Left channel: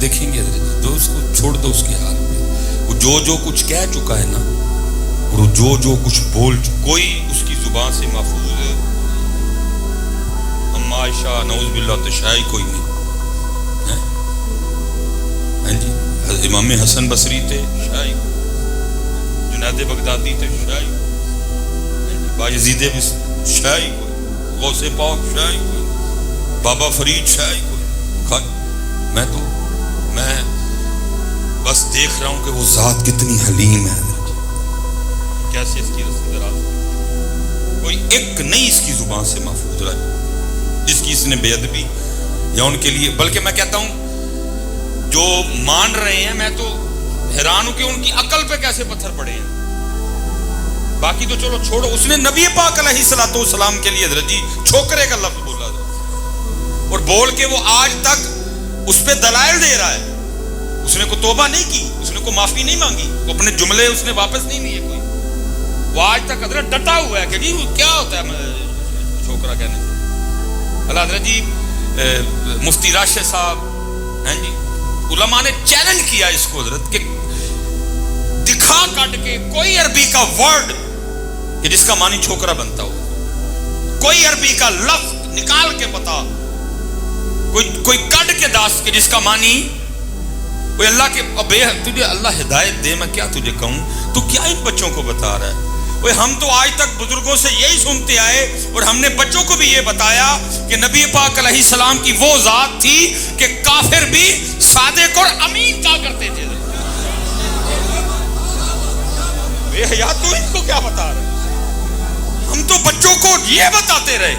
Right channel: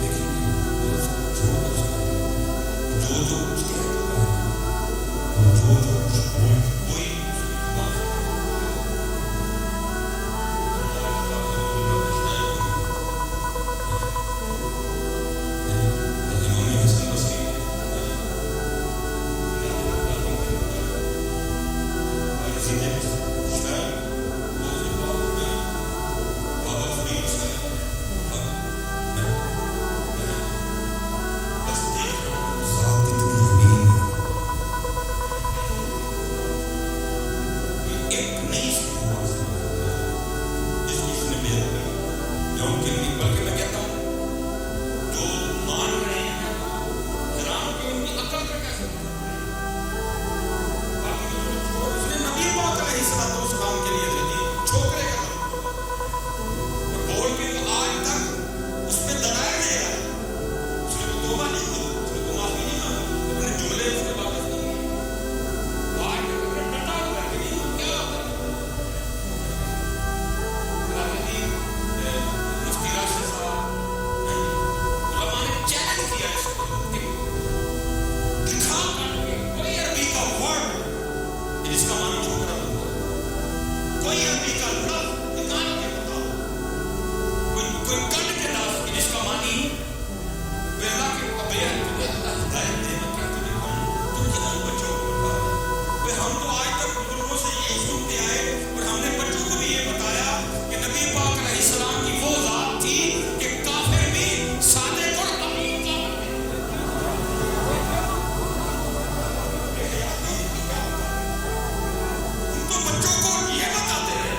دیکھیں گے تو اس کو چھوڑ دو اس کے حال میں. وہ جو کچھ کہہ چکا ہے نا, اور جو کچھ کوئی اس کی زبان سے محفوظ اما عائشہ نعوذ باللہ تشائی کوئی نہیں. ہاں جی, امام حسن بصری تھے شاہی, جنید بغدادی تھے شاہی, باجزید شاہی, غوث پاک شاہی, بابا فرید شاہی. میں بس دیکھ رہا ہوں کہ وہ ذات کتنی حلیم ہے, کیسے اس کی دراز, کوئی ایک نہیں اس کی زبان سے محفوظ رہے جس کی اس نے بے ادبی یا ان کے لیے. بلکہ میں کہتا ہوں جو مان رہے ہیں, میں تو حیران ہوں کہ ان کی عقل پہ کیسے پتھر پڑے ہیں. باقی تو چلو چھوڑو, اس نے نبی پاک علیہ الصلوۃ والسلام کے لیے حضرت جی چھوکرے کا لفظ بولا اور بول کے وہ آج تک اس پہ دلائل دے رہا ہے. اس نے کوئی توبہ نہیں کی, اس نے کوئی معافی نہیں مانگی, وہ اپنے جملے اس نے واپس نہیں لیے کوئی. وہ آج تک حضرت ڈٹا ہوا ہے کہ جی کیا ہوتا ہے چھوکرا کہنے سے. حضرت جی مفتی راشد صاحب ہیں جی, علماء نے چیلنج کیا اس کو حضرت کہ دکھا کٹ کے کوئی عربی کا ورڈ کہ جس کا معنی چھوکرا بنتا ہو, کوئی عربی کا لفظ نکال کے بتا, کوئی کٹ کے داس کہ جس کا معنی کوئی اللہ کے تجھے اللہ ہدایت دے, میں کیا تجھے کہوں, تو کیا ان بچوں کو بتا رہا ہے. ہم تو آج تک بزرگوں سے یہی سنتے آئے اور ہم نے بچوں کو بھی یہ بتایا کہ نبی پاک علیہ السلام کی وہ ذات تھی کہ کافر بھی صادق اور امین کہا کرتے تھے. تو ان کو کیا بتا رہے, ہم تو بچوں کو یہ بتاتے رہے.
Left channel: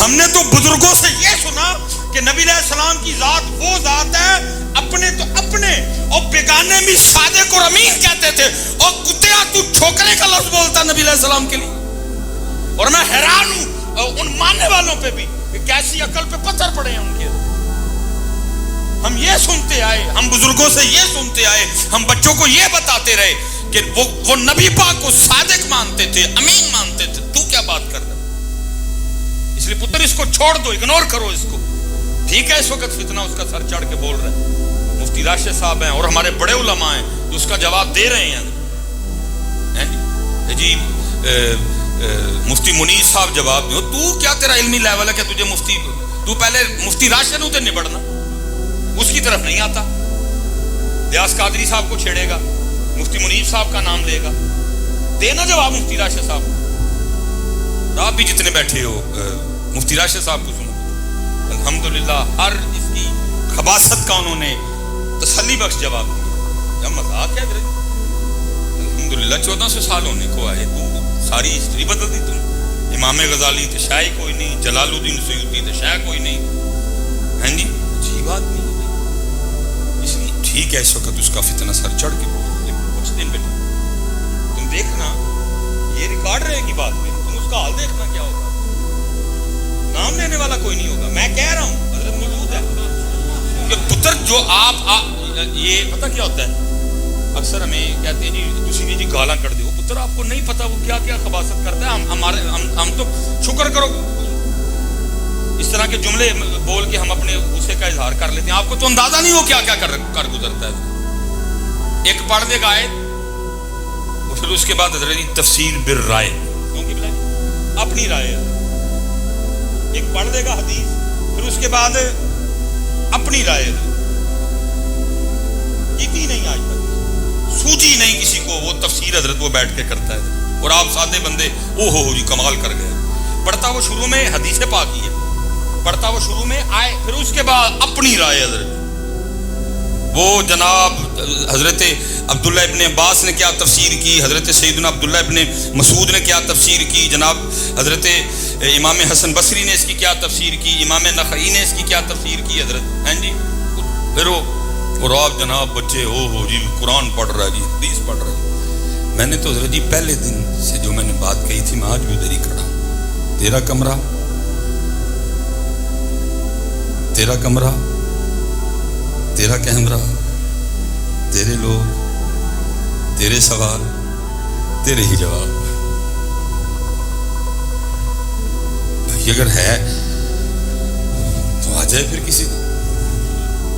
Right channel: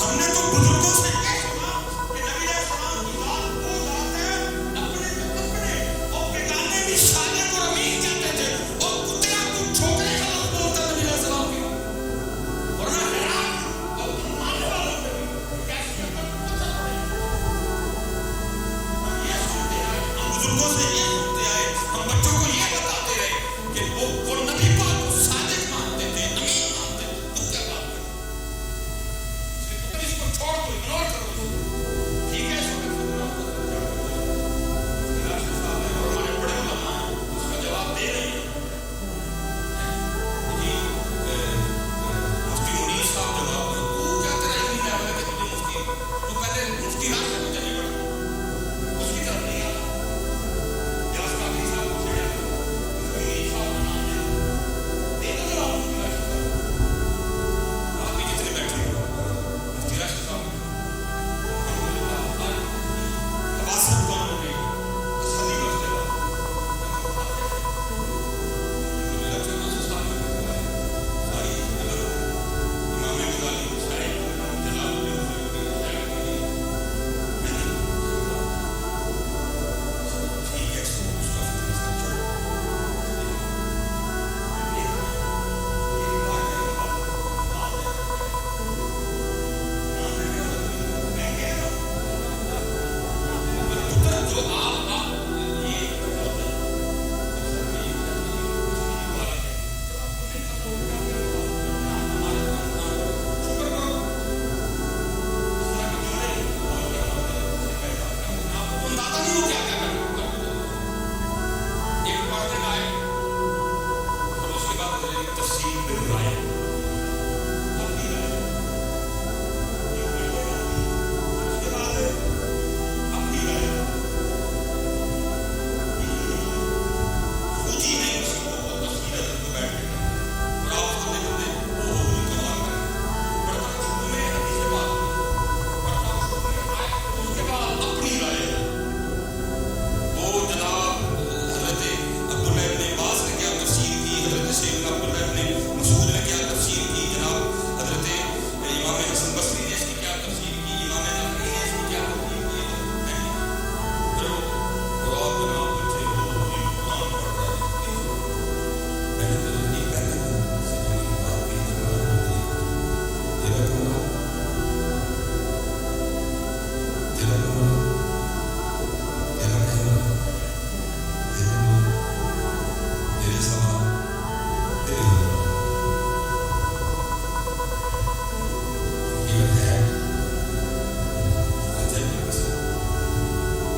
ہم نے تو بزرگوں سے یہ سنا کہ نبی علیہ السلام کی ذات وہ ذات ہے, اپنے تو اپنے اور بیگانے بھی صادق اور امین کہتے تھے, اور کتیا تو چھوکرے کا لفظ بولتا نبی علیہ السلام کے لیے. اور میں حیران ہوں ان ماننے والوں پہ بھی کہ کیسی عقل پہ پتھر پڑے ہیں ان کے. ہم یہ سنتے آئے, ہم بزرگوں سے یہ سنتے آئے, ہم بچوں کو یہ بتاتے رہے کہ وہ نبی پاک کو صادق مانتے تھے, امین مانتے تھے. تو کیا بات کر رہا, اس لیے پتر اس کو چھوڑ دو, اگنور کرو اس کو. ٹھیک ہے اس وقت فتنہ اس کا سر چڑھ کے بول رہے ہیں, مفتی راشد صاحب ہیں اور ہمارے بڑے علماء ہیں جو اس کا جواب دے رہے ہیں جی. مفتی منیر صاحب جواب دو, تو کیا تیرا علمی لیول ہے کہ تجھے مفتی, تو پہلے مفتی راشد ہوتے نبڑنا, اس کی طرف نہیں آتا. ریاض قادری صاحب کو چھیڑے گا, مفتی منیر صاحب کا نام لے گا, دینا جواب مفتی راشد صاحب کو. آپ بھی جتنے بیٹھے ہو مفتی راشد صاحب کو سنو, الحمدللہ ہر اس کی خباثت کا انہوں نے تسلی بخش جواب دیا. مذاق ہے الحمدللہ 1400 سال ہونے کو آئے, تو ساری ہسٹری بدل دی تم. امام غزالی تو شاہ کوئی نہیں, جلال الدین سیوطی تو شاہ کوئی نہیں. ہیں جی اچھی بات نہیں, اس لیے ٹھیک ہے اس وقت اس کا فتنہ سر چڑھ کے کچھ دن پہ تم دیکھنا یہ ریکارڈ رہے گی بات میں, تم اس کا حال دیکھنا کیا ہوگا. نام لینے والا کوئی نہیں ہوگا. میں کہہ رہا ہوں حضرت موجود ہے کہ پتر جو آپ یہ پتہ کیا ہوتا ہے, اکثر ہمیں کہتے ہیں جی دوسری جی گالاں کر دو, پتر آپ کو نہیں پتا وہ کیا کیا خباثت کرتا ہے. ہم تو شکر کرو اس طرح کے جملے بول کے ہم اپنے غصے کا اظہار کر لیتے ہیں. آپ کو تو اندازہ نہیں ہو کیا کیا کر گزرتا ہے. ایک پڑھ دے گا آیت, پھر اس کے بعد حضرت تفسیر بالرائے, کیونکہ اپنی رائے ہے. ایک پڑھ دے گا حدیث, پھر اس کے بعد اپنی رائے ہے. جیتی نہیں آج تک, سوجی نہیں کسی کو, وہ تفسیر حضرت وہ بیٹھ کے کرتا ہے, اور آپ سادے بندے او ہو جی کمال کر گئے. پڑھتا وہ شروع میں حدیث پاک ہی ہے, پڑھتا وہ شروع میں آئے, پھر اس کے بعد اپنی رائے حضرت. وہ جناب حضرت عبداللہ ابن عباس نے کیا تفسیر کی, حضرت سیدنا عبداللہ ابن مسعود نے کیا تفسیر کی, جناب حضرت امام حسن بصری نے اس کی کیا تفسیر کی, امام نخعی نے اس کی کیا تفسیر کی حضرت. ہیں جی پھر وہ اور آپ جناب بچے ہو جی قرآن پڑھ رہا ہے جی حدیث پڑھ رہا ہے. میں نے تو حضرت جی پہلے دن سے جو میں نے بات کہی تھی, میں آج بھی ادھر ہی کھڑا ہوں. تیرا کمرہ, تیرا کمرہ, تیرا کیمرہ, تیرے لوگ, تیرے سوال, تیرے ہی جواب. بھائی اگر ہے تو آ جائے پھر کسی